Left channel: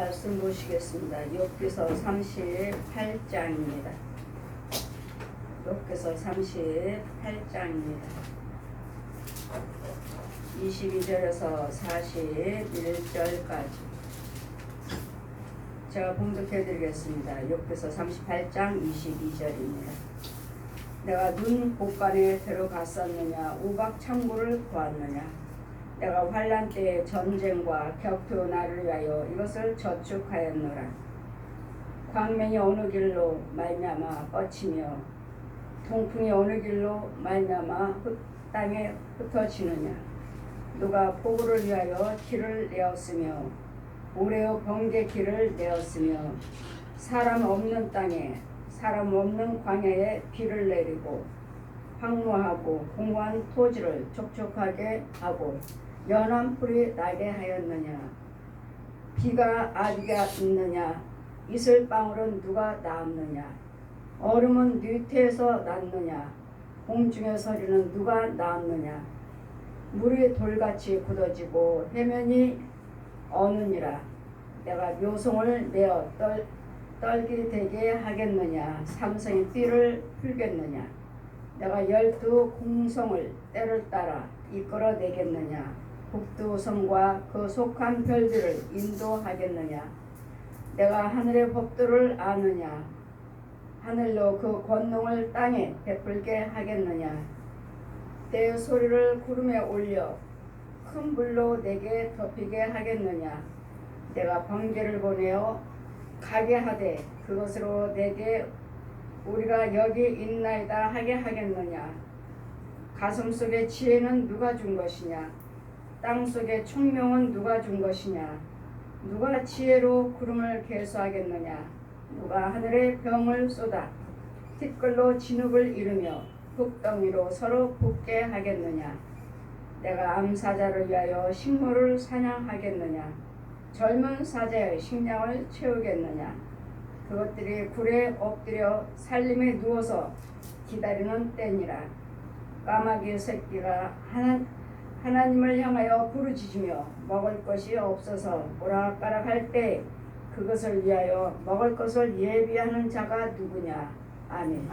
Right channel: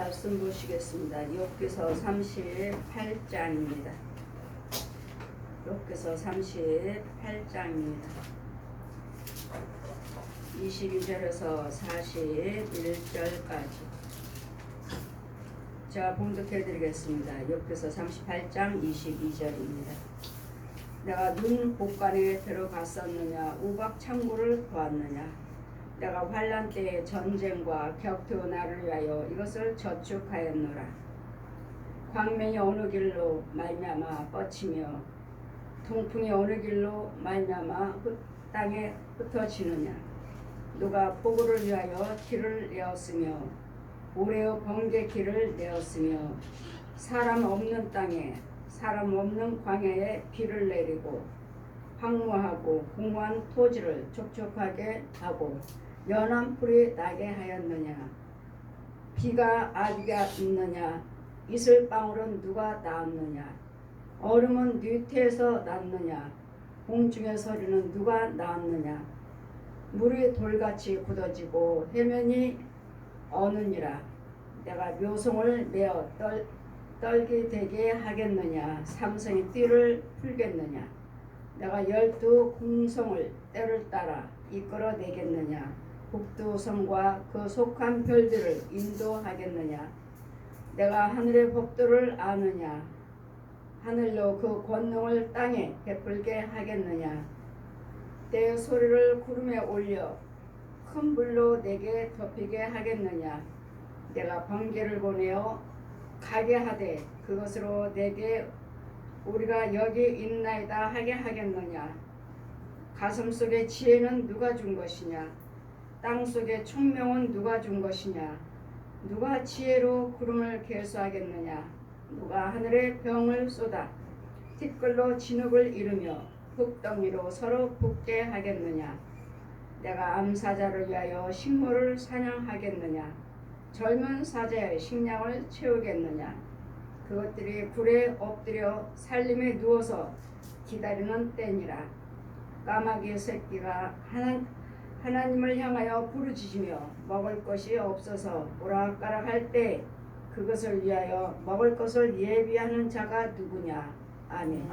말씀 보시겠습니다. 욥기서 38장입니다. 욥기서 38장입니다. 22절에서 41절까지 제가 봉독해 드리겠습니다. 욥기서 38장 22절입니다. 내가 눈 곳간에 들어갔었느냐, 우박 창고를 보았느냐. 내가 환난 때에 전쟁과 격투 나를 위하여 이것을 저축하였노라. 광명이 어느 길로 말미암아 뻗치며 동풍이 어느 길로 말미암아 땅에 흩어지느냐. 누가 폭우를 위하여 길을 내었으며 오레오 번개 길을 내었으며 사람 없는 땅에 사람 없는 광야에 비를 내리고 황무하고 공허한 토지를 촉촉하게 하고 연한 풀이 나게 하였느냐. 비가 아비가 있느냐. 이슬방울은 누가 낳았느냐. 얼음은 뉘태에서 났느냐. 공중의 소리는 누가 낳았느냐. 물이 돌같이 굳어지고 해면이 어느니라. 내가 묘송을 내어 떨게 되게 하겠느냐. 삼성의 띠를 풀겠느냐. 내가 12 공성을 때를 따라 이끌어내겠느냐. 북두섬과 그 속한 별들을 인도하겠느냐. 내가 하늘의 법도를 아느냐. 하늘로 그 권능을 땅에 베풀게 하겠느냐. 때의 소리를 구름에 올려 큰 불로 내게 덮이게 하겠느냐. 내가 번개를 보내어 가게 하되 그것으로 내게 우리가 여기 있나이다 하게 하겠느냐. 가슴속의 지혜는 누가 준 것이냐. 땅속의 총명은 누가 준 것이냐. 누가 지혜로 구름을 계수하겠느냐. 누가 하늘에 병을 쏟아 티끌로 진흙을 이루며 흙덩이로 서로 붙게 하겠느냐. 내가 암사자를 위하여 식물을 사냥하겠느냐. 젊은 사자의 식량을 채우겠느냐. 그것들이 굴에 엎드려 살림에 누워서 기다리는 때니라. 까마귀 새끼가 하나님을 향하여 부르짖으며 먹을 것이 없어서 오락가락할 때 그것을 위하여 먹을 것을 예비하는 자가 누구냐. 아멘.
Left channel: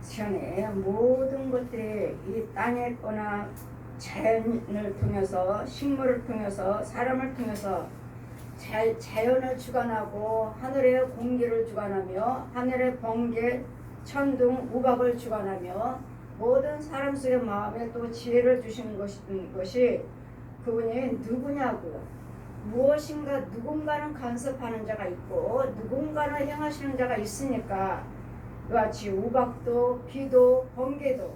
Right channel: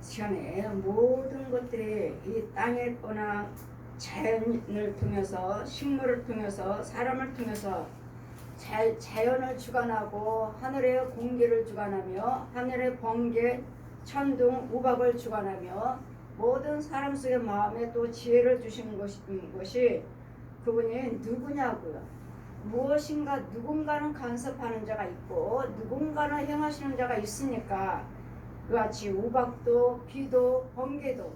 시간에 모든 것들이 이 땅에 거나 자연을 통해서 식물을 통해서 사람을 통해서 자연을 주관하고 하늘의 공기를 주관하며 하늘의 번개, 천둥, 우박을 주관하며 모든 사람 속의 마음에 또 지혜를 주시는 것이 그분이 누구냐고요. 무엇인가 누군가는 간섭하는 자가 있고 누군가는 행하시는 자가 있으니까 그같이 우박도 비도 번개도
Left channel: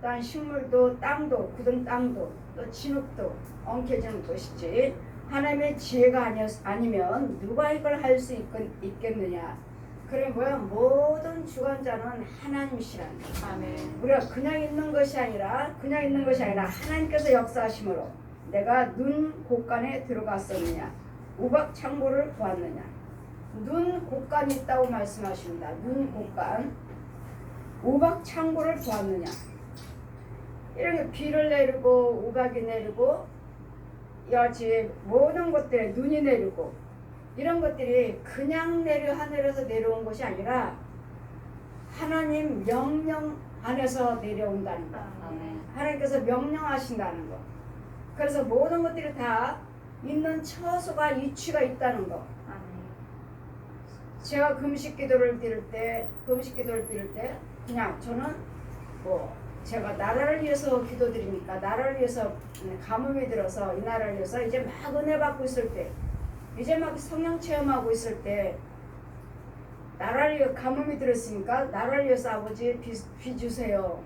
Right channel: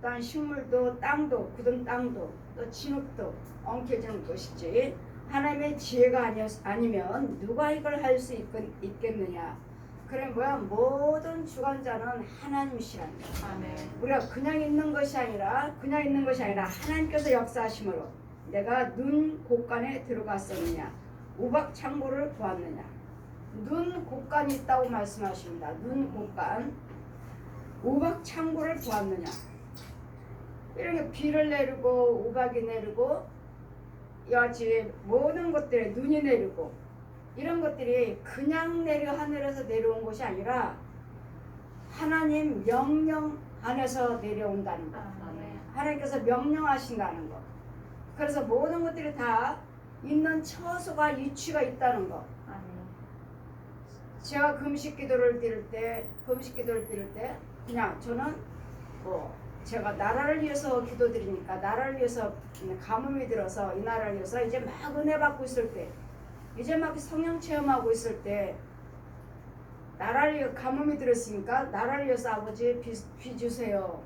또한 식물도 땅도 굳은 땅도 또 진흙도 엉켜지는 것이지 하나님의 지혜가 아니면 누가 이걸 할 수 있겠느냐. 그래 뭐야 모든 주관자는 하나님이시라는 거예요. 아멘. 우리가 그냥 있는 것이 아니라 하나님께서 역사하심으로 내가 눈 곳간에 들어갔었느냐. 우박 창고를 보았느냐. 눈 곳간이 있다고 말씀하십니다. 눈 곳간. 우박 창고를 보았느냐. 이렇게 비를 내리고 우박이 내리고 여지 모든 것들에 눈이 내리고 이런 것들이 그냥 하늘에서 내려온 것이 아니라 하나님 명령 안에서 내려온다는 거. 하나님께서 명령하신다는 거. 그래서 모든 것들이 다 있는 처소가 이치가 있다는 거. 제가 금식 기도를 드릴 때 그냥 저는 제가 나라를 위해서 기도드리니까 나라를 위해서 가뭄이 들어서 이 나라를 위해서 이제 막 은혜 받고 있을 때 이제 막 성령 체험하고 있을 때 나라를 위해 가뭄이 들었으니까 나라를 위해서 아버지 비 주세요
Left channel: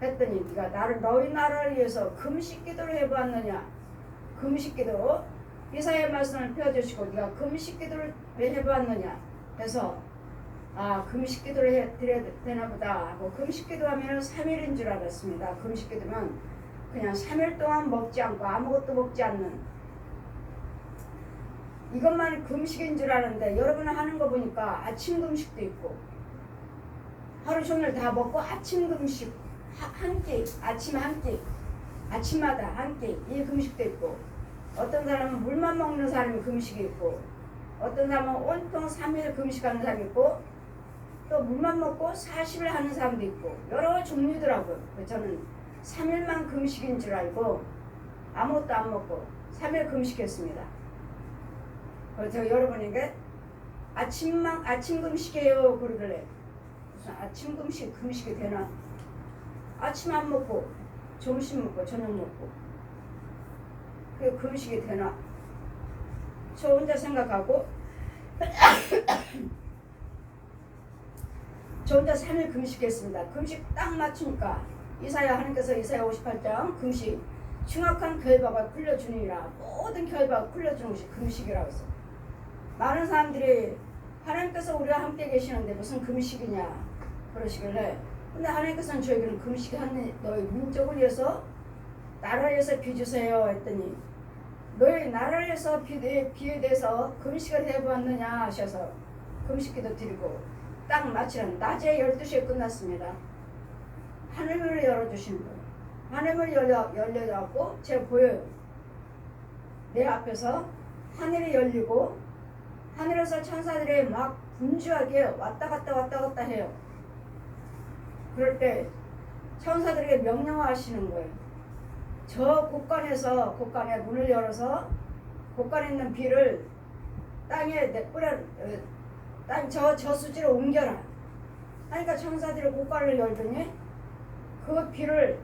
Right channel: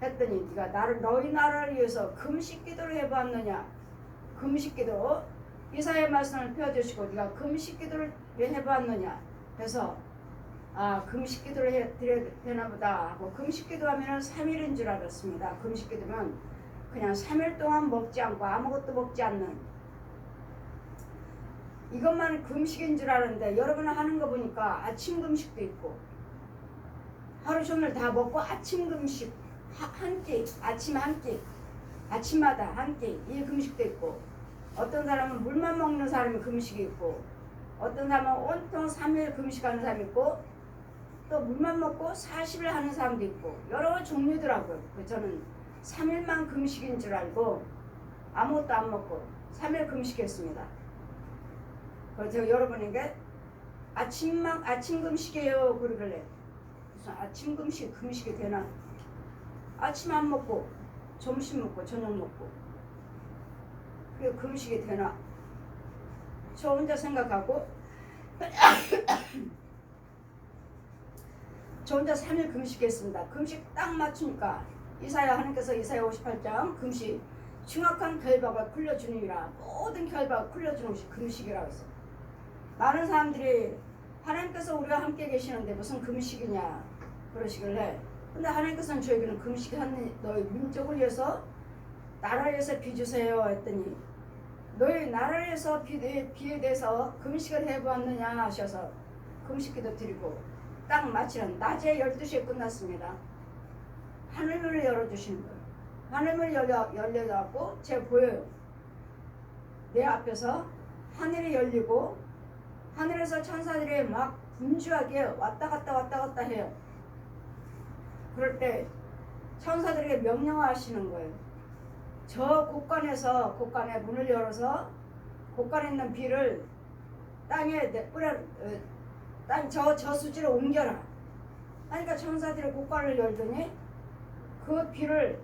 했더니 네가 너희 나라를 위해서 금식 기도를 해봤느냐. 금식 기도 이사야 말씀을 펴주시고 네가 금식 기도를 해봤느냐 해서 금식 기도를 드려야 되나 보다 하고 금식 기도하면 3일인 줄 알았습니다. 금식 기도면 그냥 3일 동안 먹지 않고 아무것도 먹지 않는 이것만 금식인 줄 아는데 여러분 하는 거 보니까 아침 금식도 있고 하루 종일 다 먹고 아침 금식 한 끼, 아침 한 끼, 아침마다 한 끼 이 금식도 있고 어떤 사람은 물만 먹는 사람이 금식이 있고, 어떤 사람은 온통 3일 금식하는 사람이 있고, 또 물만 먹고 40일 하는 사람도 있고, 여러 종류더라고요. 저는 3일만 금식인 줄 알고 아무것도 안 먹고 3일 금식했습니다. 그래서 제가 여러분에게 아침 금식이에요 그러길래, 무슨 아침 금식이 되나? 아침 안 먹고 점심 먹고 저녁 먹고 그게 금식이 되나? 저 혼자 생각하고 저 혼자 3일 금식했습니다. 금식 딱 맞추니까 하나님께서 이사야 58장 금식 흉악한 결박을 풀려주니라, 모든 결박을 풀려주는 것이 금식이라고 했어요. 많은 사람들이 하나님께서 우리와 함께 계시는데 무슨 금식이냐 그러시길래, 근데 하나님께서는 저에게는 금식이 하는 너희 민족을 위해서 나라를 위해서 비주세요 했더니, 너희 나라를 위해서 비에 대해서 금식을 해보았느냐 하셔서 금식기도 드리고 딱 마치는 낮에 12시에 끝났습니다. 하늘문을 열어주시는 거예요. 하늘문이 열려갖고 제가 보여요. 내 앞에서 하늘이 열리고 하늘에서 천사들이 막 분주하게 왔다 갔다 해요. 그럴 때 천사들에게 명령하시는 거예요. 저 곳간에 문을 열어서 곳간에 있는 비를 땅에 저수지로 옮겨라. 그러니까 천사들이 곳간을 열더니 그 비를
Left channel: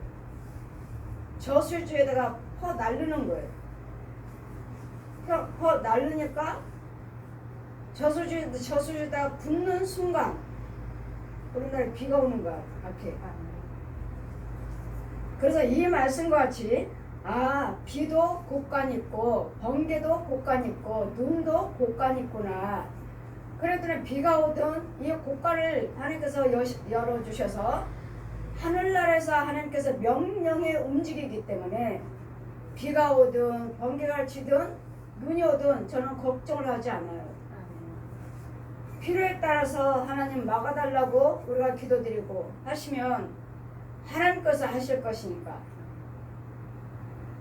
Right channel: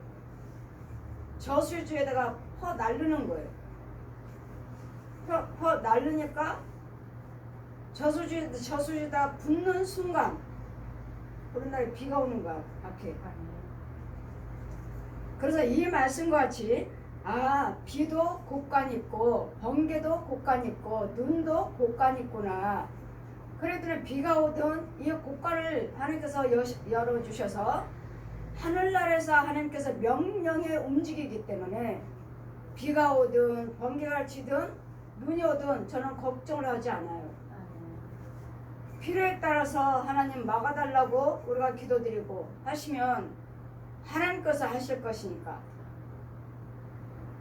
저수지에다가 퍼 날르는 거예요. 퍼 날르니까 저수지에다 붙는 순간 우리나라에 비가 오는 거야, 앞에. 그래서 이 말씀과 같이 비도 곳간 있고 번개도 곳간 있고 눈도 곳간 있구나. 그랬더니 비가 오든 이 곳간을 하나님께서 열어주셔서 하늘나라에서 하나님께서 명령에 움직이기 때문에 비가 오든 번개가 치든 눈이 오든 저는 걱정을 하지 않아요. 필요에 따라서 하나님 막아달라고 우리가 기도드리고 하시면 하나님께서 하실 것이니까.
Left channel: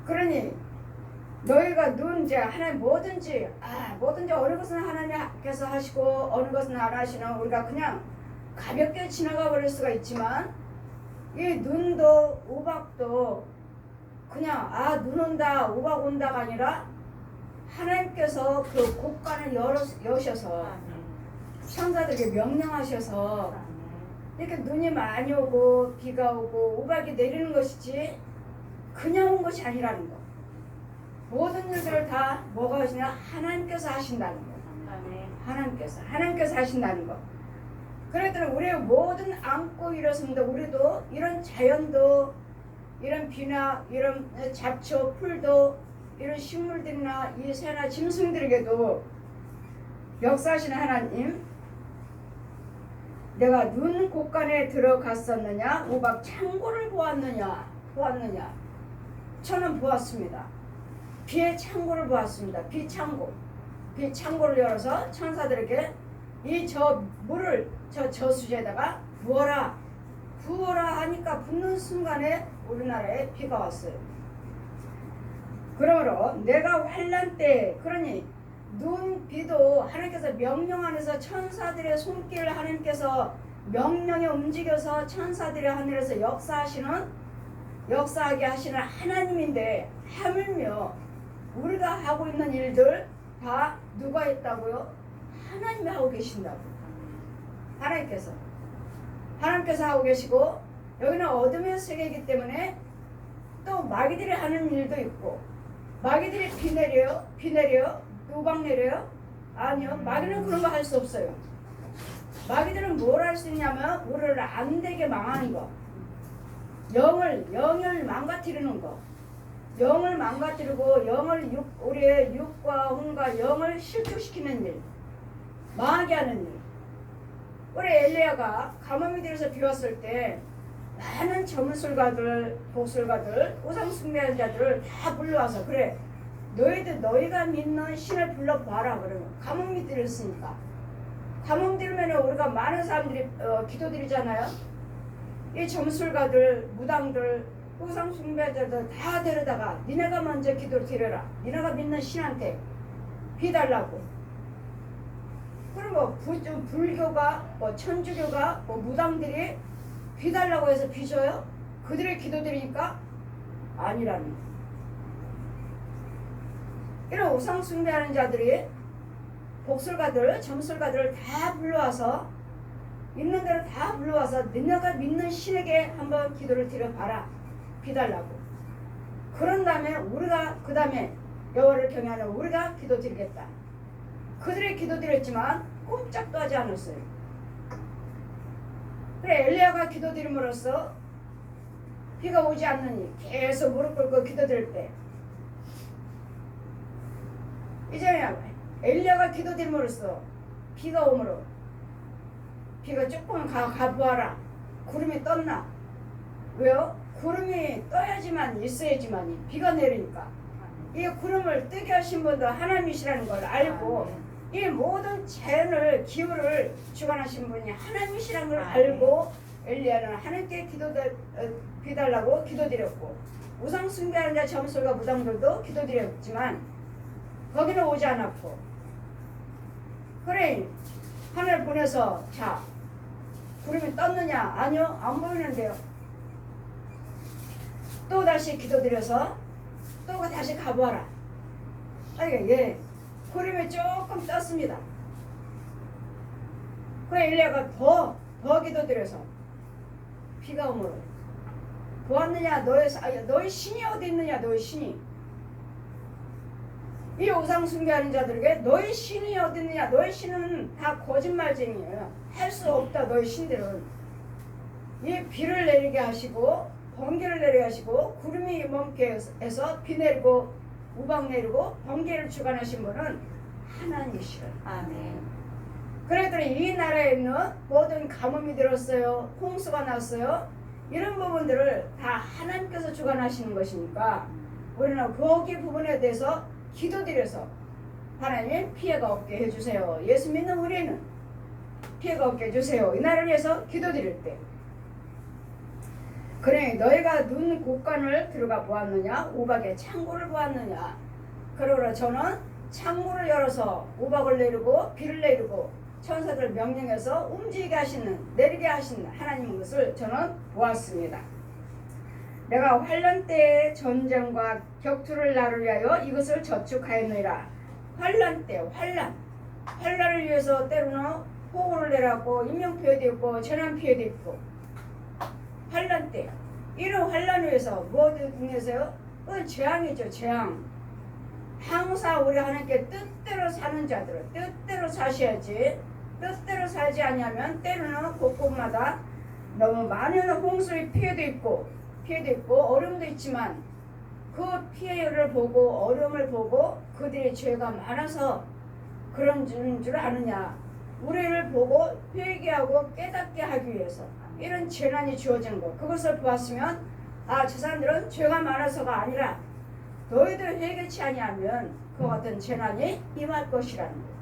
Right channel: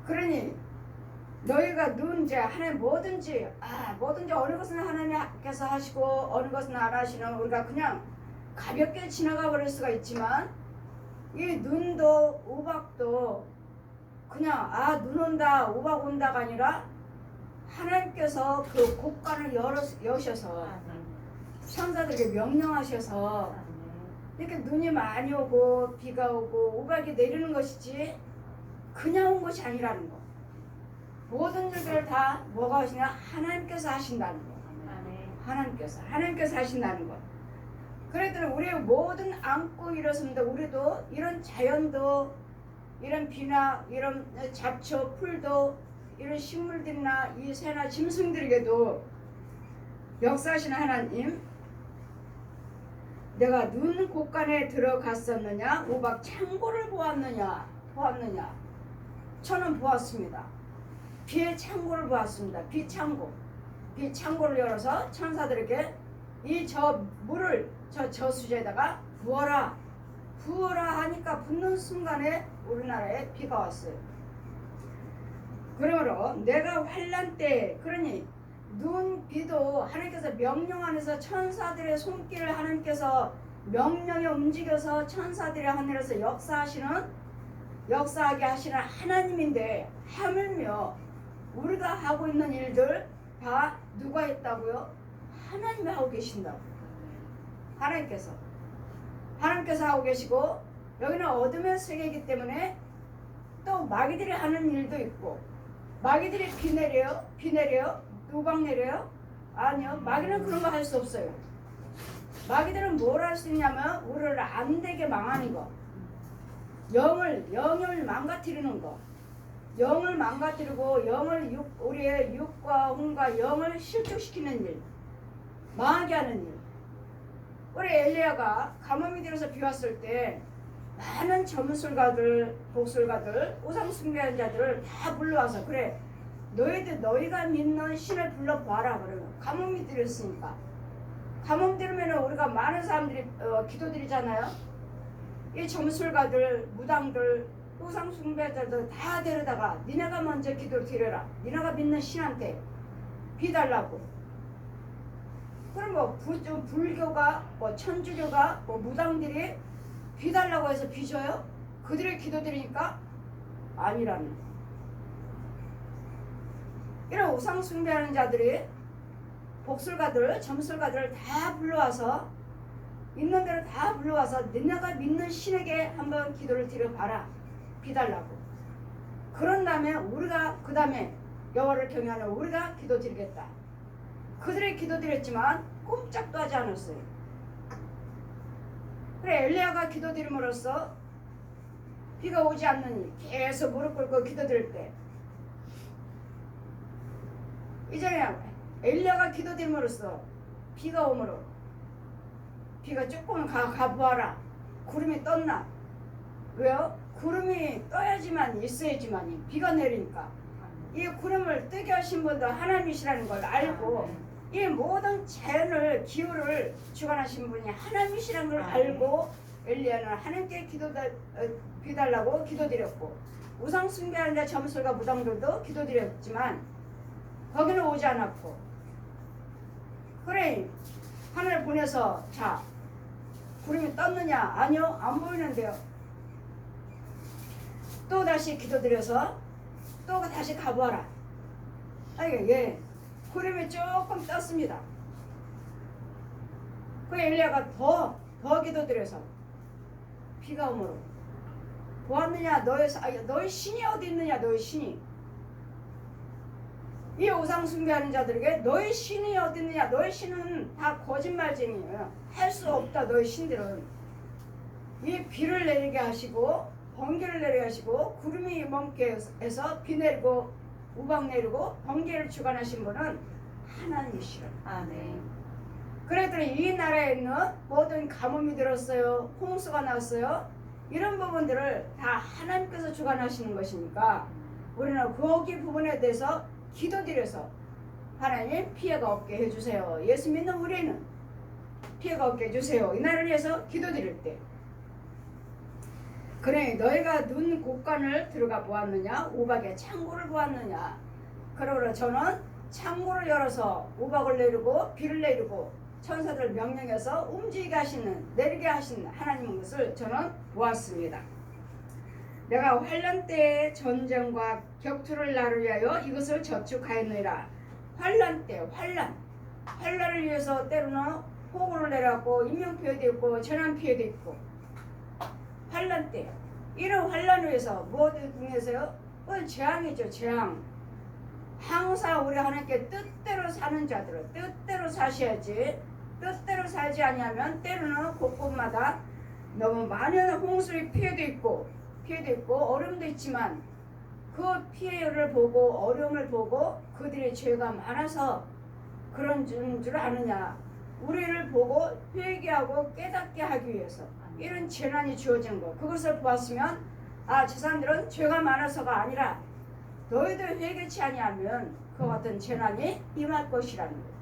그러니 너희가 이제 하나님 뭐든지 어느 것은 하나님께서 하시고 어느 것은 안 하시는, 우리가 그냥 가볍게 지나가 버릴 수가 있지만, 이 눈도 우박도 그냥 눈 온다 우박 온다가 아니라 하나님께서 그 곳간을 여셔서 천사들에게 명령하셔서 이렇게 눈이 많이 오고 비가 오고 우박이 내리는 것이지 그냥 온 것이 아니라는 거. 모든 일들을 다 뭐가 하시냐? 하나님께서 하신다는 거. 하나님께서 하신다는 거. 그랬더니 우리의 모든 안고 일었습니다. 우리도 이런 자연도, 이런 비나 이런 잡초 풀도, 이런 식물들이나 이 새나 짐승들에게도 역사하시는 하나님, 내가 눈 곳간에 들어갔었느냐 우박 창고를 보았느냐. 저는 보았습니다. 비의 창고를 보았습니다. 비 창고를 열어서 천사들에게 저 물을 저수지에다가 부어라 하니까 붓는 순간에 우리나라에 비가 왔어요. 그러므로 내가 환난 때, 그러니 눈 비도 하나님께서 명령 안에서 천사들의 손길을 하나님께서 명령에 움직여서 천사들의 하늘에서 역사하게 하시는 하나님인데, 하물며 우리가 하고 있는 일들 다 누가 했다고요? 하나님이 하고 계신다고. 하나님께서 하고 계시고, 여기는 어둠의 세계이기 때문에 또 마귀들이 하는 일도 있고, 마귀들이 비 내려요? 우박 내려요? 아니요. 마귀는 그런 거 할 수 없어요. 마귀들은 뭘 할 수 있냐면 우리를 안 되게 망하는 거, 영을 망가뜨리는 거, 영을 망가뜨리고 우리의 육과 혼과 영을 실족시키는 일, 망하게 하는 일. 우리 엘리야가 가뭄이 들어서 비 왔을 때 많은 점술가들, 독술가들, 우상 숭배하는 자들을 다 불러와서, 그래 너희가 믿는 신을 불러봐라. 그러면 가뭄이 들었으니까, 가뭄 들으면 우리가 많은 사람들이 기도드리잖아요. 이 점술가들, 무당들, 우상 숭배자들 다 데려다가 니네가 먼저 기도를 드려라. 니네가 믿는 신한테 비달라고. 그럼 뭐 불교가 뭐 천주교가 뭐 무당들이 비달라고 해서 비줘요? 그들의 기도 드리니까 아니라는 거예요. 이런 우상 숭배하는 자들이 복술가들, 점술가들을 다 불러와서 있는 대로 다 불러와서 너네가 믿는 신에게 한번 기도를 드려봐라. 비달라고. 그런 다음에 우리가 그 다음에 여호와를 경외하는 우리가 기도 드리겠다. 그들이 기도 드렸지만 꼼짝도 하지 않았어요. 그래 엘리야가 기도 드림으로써 비가 오지 않느니 계속 무릎 꿇고 기도 드릴 때 이제 엘리야가 기도 드림으로써 비가 오므로 비가 조금 가보아라. 구름이 떴나? 왜요? 구름이 떠야지만 있어야지만 비가 내리니까 이 구름을 뜨게 하신 분도 하나님이시라는 걸 알고 이 모든 자연을 기후를 주관하신 분이 하나님이시라는 걸 알고 엘리야는 하나님께 비달라고 기도드렸고 우상 숭배하는 자 점술가 무당들도 기도드렸지만 거기는 오지 않았고 그래 하늘 보내서 자 구름이 떴느냐? 아니요 안 보이는데요. 또 다시 기도드려서 또 다시 가보아라. 예 구름이 조금 떴습니다. 그 엘리야가 더 기도드려서 비가 오므로 보았느냐? 너희 신이 어디 있느냐? 너희 신이 이 우상 숭배하는 자들에게 너희 신이 어디 있느냐? 너희 신은 다 거짓말쟁이에요. 할 수 없다. 너희 신들은 이 비를 내리게 하시고 번개를 내리게 하시고 구름이 멈게 해서 비 내리고 우박 내리고 번개를 주관하신 분은 하나님이시라. 아멘. 그랬더니 이 나라에 있는 모든 가뭄이 들었어요. 홍수가 났어요. 이런 부분들을 다 하나님께서 주관하시는 것이니까 우리는 거기 부분에 대해서 기도드려서 하나님 피해가 없게 해주세요. 예수 믿는 우리는 피해가 없게 해주세요. 이 나라를 위해서 기도드릴 때 그래 너희가 눈 곳간을 들어가 보았느냐? 우박의 창고를 보았느냐? 그러므로 저는 창고를 열어서 우박을 내리고 비를 내리고 천사들 명령해서 움직이게 하시는 내리게 하시는 하나님 것을 저는 보았습니다. 내가 환란 때에 전쟁과 격투를 나를 위하여 이것을 저축하였느니라. 환란 때 환란을 위해서 때로는 폭우를 내렸고 인명피해도 있고 재난피해도 있고 환란 때 이런 환란을 위해서 무엇을 위해서요? 그건 재앙이죠. 재앙. 항상 우리 하나님께 뜻대로 사는 자들은 뜻대로 사셔야지 뜻대로 살지 아니하면 때로는 곳곳마다 너무 많은 홍수의 피해도 있고 어려움도 있지만 그 피해를 보고 어려움을 보고 그들의 죄가 많아서 그런 줄 아느냐. 우리를 보고 회개하고 깨닫게 하기 위해서 이런 재난이 주어진 것 그것을 보았으면 저 사람들은 죄가 많아서가 아니라 너희들 회개치 아니하면 그 같은 재난이 임할 것이라는 거예요.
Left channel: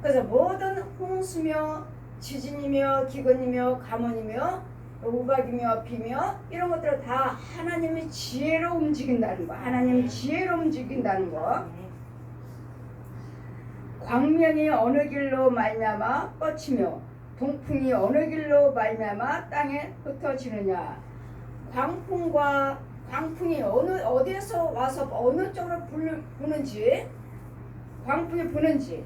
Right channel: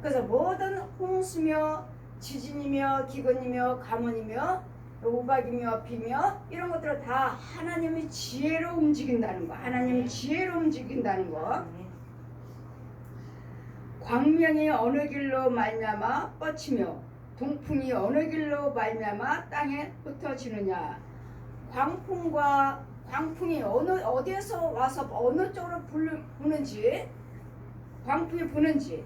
그래서 모든 홍수며 지진이며 기근이며 가뭄이며 우박이며 비며 이런 것들을 다 하나님의 지혜로 움직인다는 거. 하나님 지혜로 움직인다는 거. 광명이 어느 길로 말미암아 뻗치며 동풍이 어느 길로 말미암아 땅에 흩어지느냐. 광풍이 어디에서 와서 어느 쪽으로 부는지 광풍이 부는지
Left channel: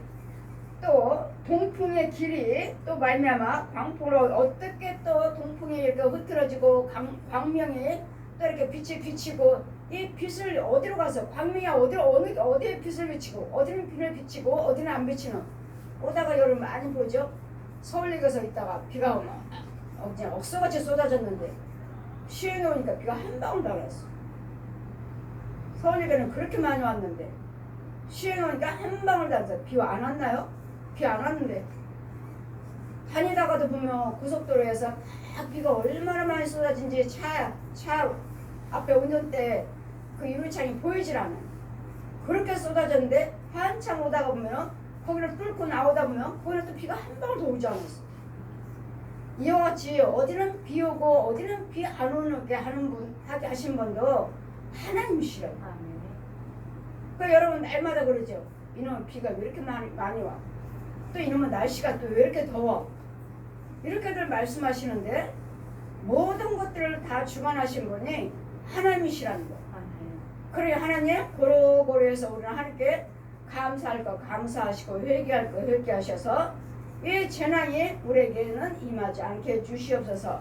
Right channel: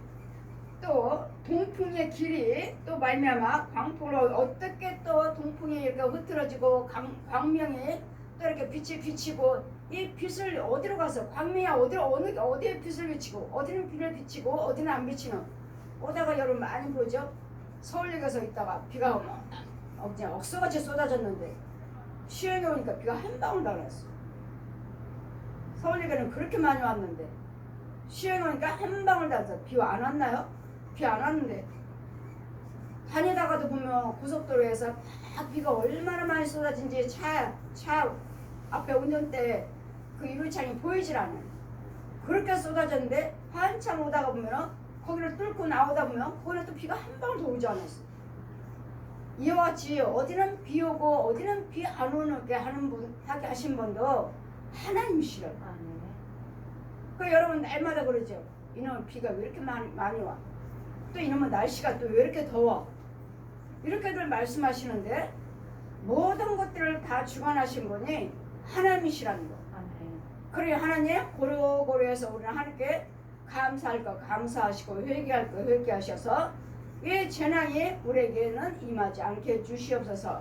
또 동풍의 길이 또 말미암아 광풍으로 어떻게 또 동풍이 이렇게 흐트러지고 광명이 또 이렇게 빛이 비치고 이 빛을 어디로 가서 광명이 어디에 빛을 비치고 어디는 빛을 비치고 어디는 안 비치는 오다가 여러분 많이 보죠. 서울역에서 있다가 비가 오면 그냥 억수같이 쏟아졌는데 시흥에 오니까 비가 한 방울도 안 왔어. 서울역에는 그렇게 많이 왔는데 시흥에 오니까 한 방울도 안 왔어. 비 안 왔나요? 비 안 왔는데 다니다가도 보면 고속도로에서 막 비가 얼마나 많이 쏟아진지 차 앞에 운전대 그 유리창이 보이질 않아요. 그렇게 쏟아졌는데 한참 오다가 보면 거기를 뚫고 나오다 보면 거기는 또 비가 한 방울도 오지 않았어. 이와 같이 어디는 비 오고 어디는 비 안 오게 하게 하신 분도 하나님이시라고. 아멘. 그 여러분 날마다 그러죠. 이놈은 비가 왜 이렇게 많이 와? 또 이놈은 날씨가 또 왜 이렇게 더워? 이렇게들 말씀하시는데 모든 것들을 다 주관하신 분이 하나님이시라는 거. 아멘. 그래 하나님 고루고루해서 우리는 하나님께 감사할 거 감사하시고 회개할 거 회개하셔서 이 재난이 우리에게는 임하지 않게 해주시옵소서.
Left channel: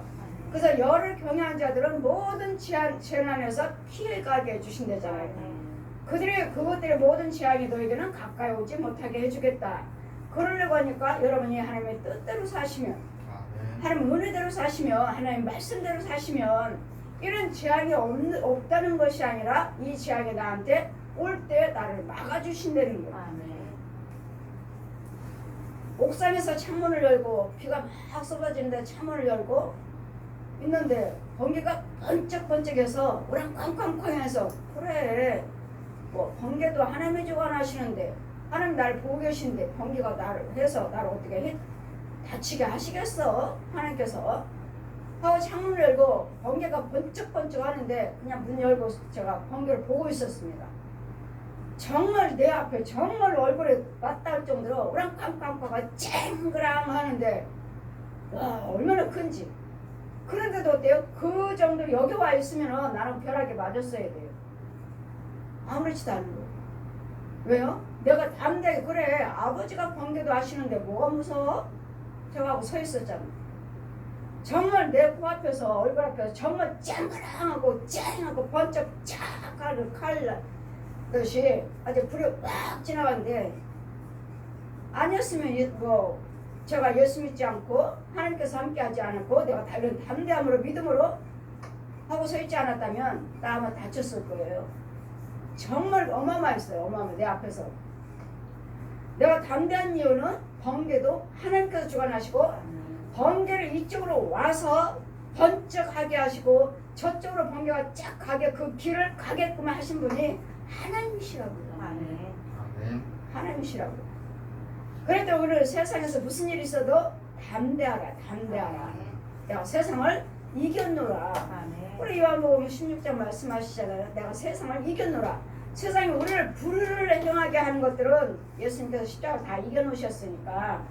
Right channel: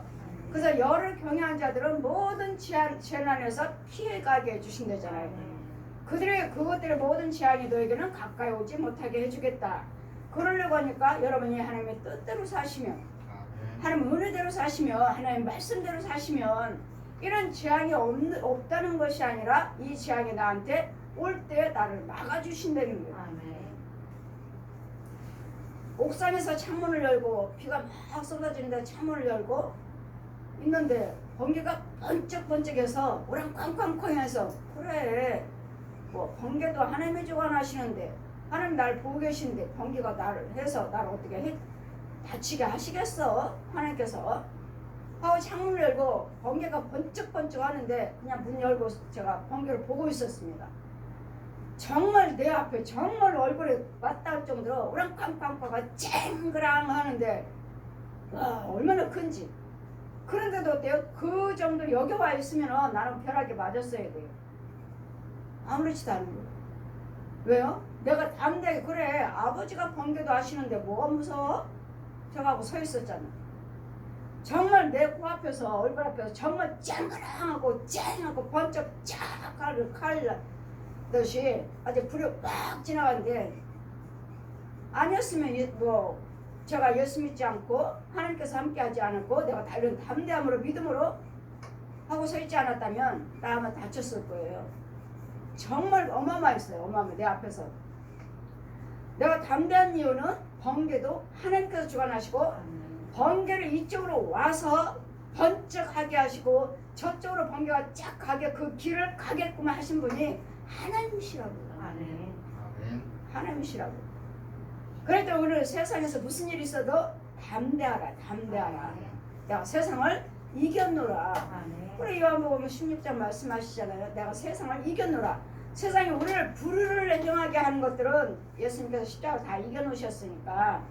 그래서 열을 경외한 자들은 모든 재난에서 피해가게 해주신다잖아요. 그들의 그것들의 모든 재앙이 너에게는 가까이 오지 못하게 해주겠다. 그러려고 하니까 여러분이 하나님의 뜻대로 사시면, 하나님 은혜대로 사시면, 하나님 말씀대로 사시면 이런 재앙이 없다는 것이 아니라 이 재앙이 나한테 올 때 나를 막아주신다는 거예요. 아멘. 옥상에서 창문을 열고 비가 막 쏟아지는데 창문을 열고 있는데 번개가 번쩍번쩍해서 우랑쾅쾅쾅해서 그래 뭐 번개도 하나님이 주관하시는데 하나님 나를 보고 계신데 번개가 나를 해서 나를 어떻게 다치게 하시겠어? 하나님께서 하고 창문을 열고 번개가 번쩍번쩍 하는데 그냥 문 열고 제가 번개를 보고 있었습니다. 정말 내 앞에 정말 얼굴에 맞닿을 정도로 우랑쾅쾅쾅가 쨍그랑 하는데 와 얼마나 큰지. 그런데도 어때요? 그 정도 여기 와 있으면 나는 벼락에 맞았어야 돼요. 아무렇지도 않은 거예요. 왜요? 내가 담대하게 그래 아버지가 번개도 하시는데 뭐가 무서워? 저하고 서 있었잖아. 정말 내 코앞에서 얼굴 앞에서 정말 쨍그랑하고 쨍하고 번쩍 쫙 칼듯이 아주 불이 빡 지나갔는데 아니었으면 뭐 제가 예수 믿지 않고 하나님께서 함께하지 않았고 내가 이런 담대함으로 믿음으로 하고 서 있지 않았다면 나 아마 다쳤을 거예요. 정말 어마어마했어요. 어마어마 내 앞에서. 내가 담대한 이유는 번개도 하나님께서 주관하시고 번개를 이쪽으로 와서 번쩍하게 하시고 저쪽으로 번개가 쫙 가게 그 길을 가게끔 하신 분이 하나님이시라고요. 아멘. 하나님이시라고요. 그래도 오늘 세상에서 무슨 일이 있어도 담대하라 담대하라. 내가 세상을 이겼노라. 우리 요한복음 16장 말씀하시잖아요. 내가 세상을 이겼노라. 세상이 우리를 불의를 행하게 하는 것들은 예수님께서 십자가를 다 이겨놓으셨으니까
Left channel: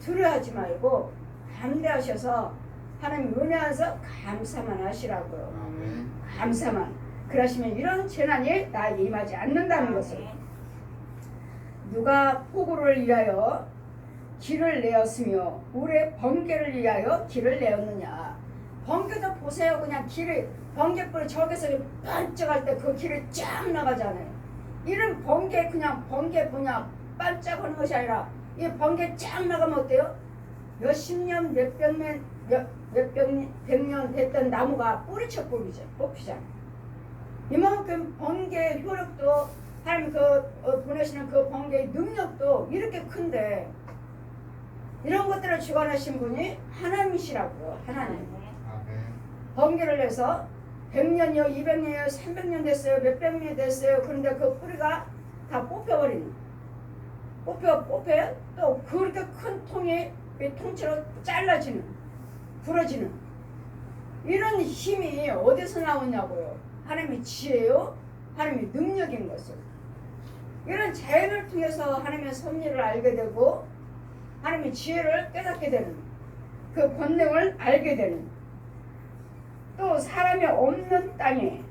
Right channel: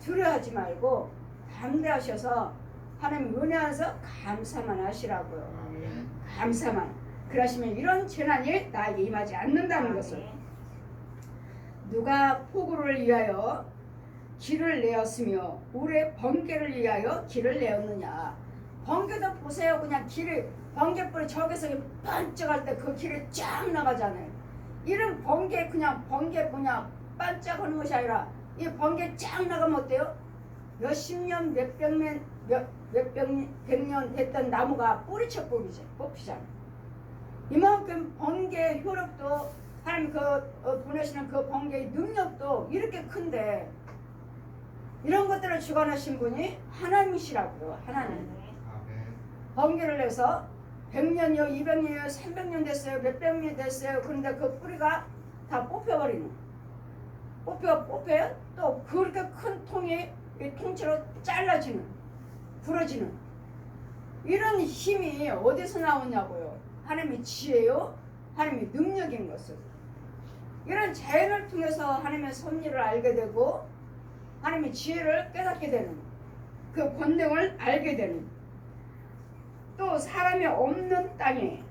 두려워하지 말고 담대하셔서 하나님 은혜 안에서 감사만 하시라고요. 감사만. 그러시면 이런 재난이 나에게 임하지 않는다는 것을. 누가 폭우를 위하여 길을 내었으며 우리의 번개를 위하여 길을 내었느냐. 번개도 보세요. 그냥 길을 번개불이 저기서 반짝할 때 그 길이 쫙 나가잖아요. 이런 번개 그냥 번개 그냥 반짝하는 것이 아니라 이 번개 쫙 나가면 어때요? 몇십 년 백년 됐던 나무가 뿌리쳐 뽑히잖아요. 이만큼 번개 효력도 하나님 보내시는 그 번개의 능력도 이렇게 큰데 이런 것들을 주관하신 분이 하나님이시라고요. 하나님. 번개를 내서 100년이요 200년이요 300년 됐어요 몇백 년 됐어요. 그런데 그 뿌리가 다 뽑혀버리는 뽑혀요. 또 그렇게 큰 통이 통째로 잘라지는 부러지는 이런 힘이 어디서 나오냐고요. 하나님의 지혜요 하나님의 능력인 것을. 이런 자연을 통해서 하나님의 섭리를 알게 되고 하나님의 지혜를 깨닫게 되는 그 권능을 알게 되는 또 사람이 없는 땅에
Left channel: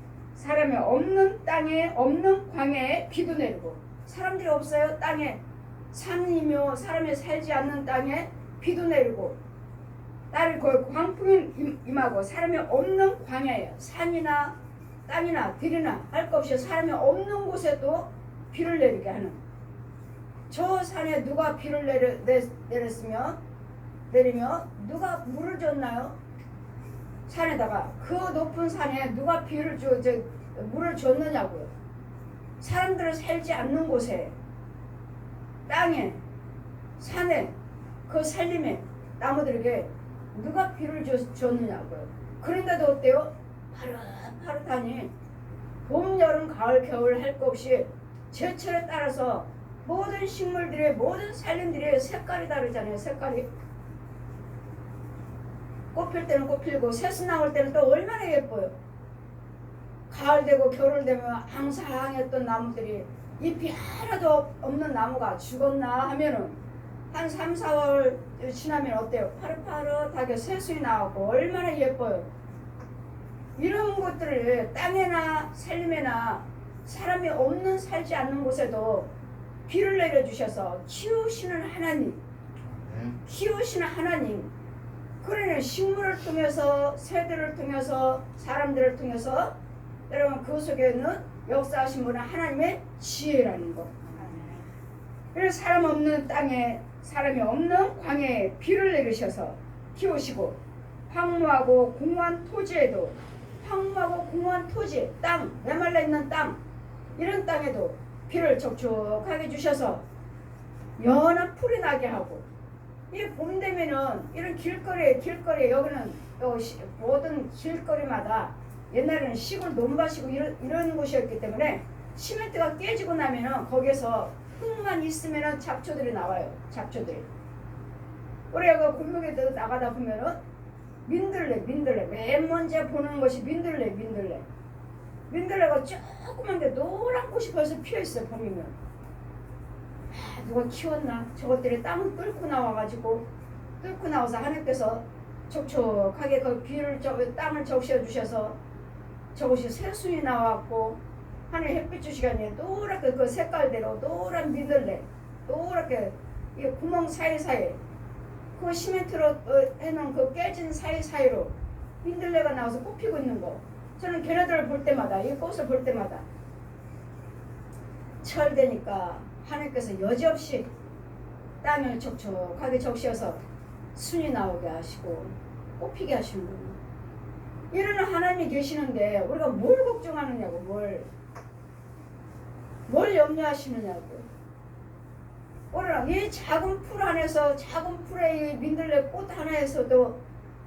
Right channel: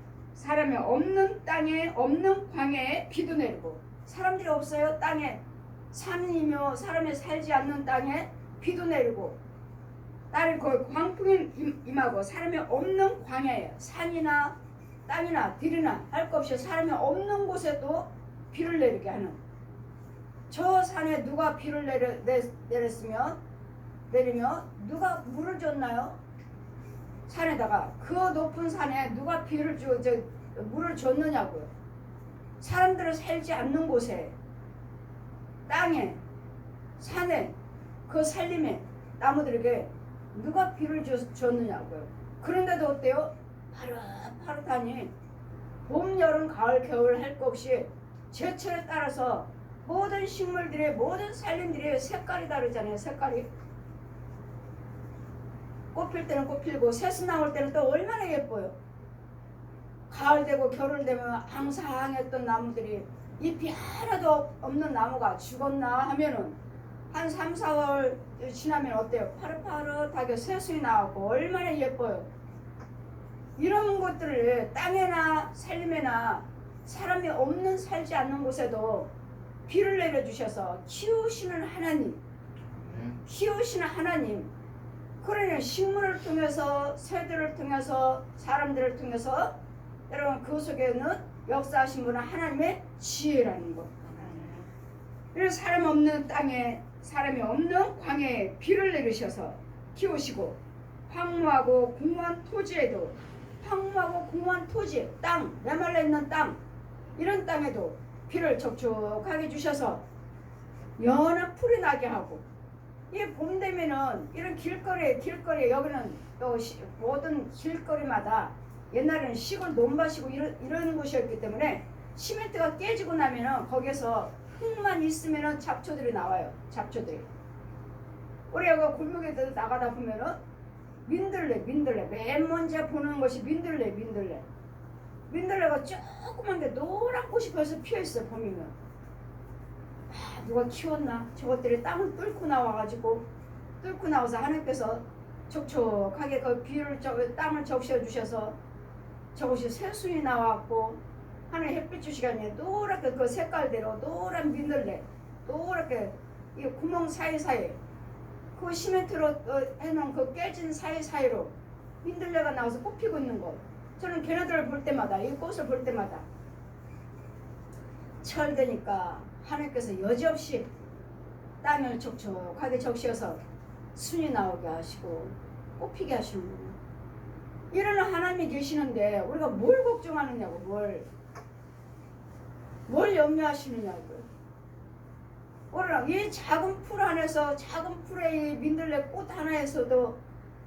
없는 광야에 비도 내리고 사람들이 없어요. 땅에 산이며 사람이 살지 않는 땅에 비도 내리고 딸이 그 광풍이 임하고 사람이 없는 광야에 산이나 땅이나 들이나 할 것 없이 사람이 없는 곳에 또 비를 내리게 하는 저 산에 누가 비를 내리며 누가 물을 줬나요? 산에다가 그 높은 산에 누가 물을 줬느냐고요. 사람들을 살지 않는 곳에 땅에 산에 그 산림에 나무들에게 누가 비를 줬느냐고요. 그런데도 어때요? 파릇파릇하니 봄, 여름, 가을, 겨울 할 것 없이 제철에 따라서 모든 식물들의 모든 산림들의 색깔이 다르잖아요. 색깔이 꽃필 때는 꽃필고 새순 나올 때는 또 얼마나 예뻐요. 가을 되고 겨울 되면 앙상했던 나무들이 잎이 하나도 없는 나무가 죽었나 하면은 한 3, 4월 지나면 어때요? 파릇파릇하게 새순이 나오고 얼마나 예뻐요. 이런 것들을 땅에나 살림에나 사람이 없는 살지 않는 곳에도 비를 내려주셔서 키우시는 하나님, 키우시는 하나님. 그러니 식물을 통해서 새들을 통해서 사람들을 통해서 여러분 그 속에는 역사하신 분은 하나님의 지혜라는 거. 그래서 사람 없는 땅에 사람이 없는 광야에 비를 내리셔서 키우시고 황무하고 공허한 토지에도 황무하고 공허한 토지, 땅, 메말라 있는 땅 이런 땅에도 비를 촉촉하게 주셔서 연한 풀이 나게 하고 이 봄 되면은 이런 길거리에 여기는 또 모든 길거리마다 옛날에는 시골 논밭이고 이런 곳이었기 때문에 시멘트가 깨지고 나면은 거기서 흙만 있으면은 잡초들이 나와요. 잡초들이. 우리가 그 골목에도 나가다 보면은 민들레 맨 먼저 보는 것이 민들레가 조그만 게 노란 꽃이 벌써 피어있어요. 봄이면. 누가 키웠나? 저것들이 땅을 뚫고 나와서 하나님께서 촉촉하게 그 비를 땅을 적셔 주셔서 저것이 새순이 나왔고 하늘 햇빛 주시간에 노랗게 그 색깔대로 노란 민들레 노랗게 이 구멍 사이사이 그 시멘트로 해놓은 그 깨진 사이사이로 민들레가 나와서 꽃 피고 있는 거 저는 걔네들을 볼 때마다 이 꽃을 볼 때마다 철되니까 하나님께서 여지없이 땅을 촉촉하게 적셔서 순이 나오게 하시고 꽃피게 하시는군요. 이런 하나님이 계시는데 우리가 뭘 걱정하느냐고 뭘 염려하시느냐고요. 우리가 이 작은 풀 안에서 작은 풀의 이 민들레 꽃 하나에서도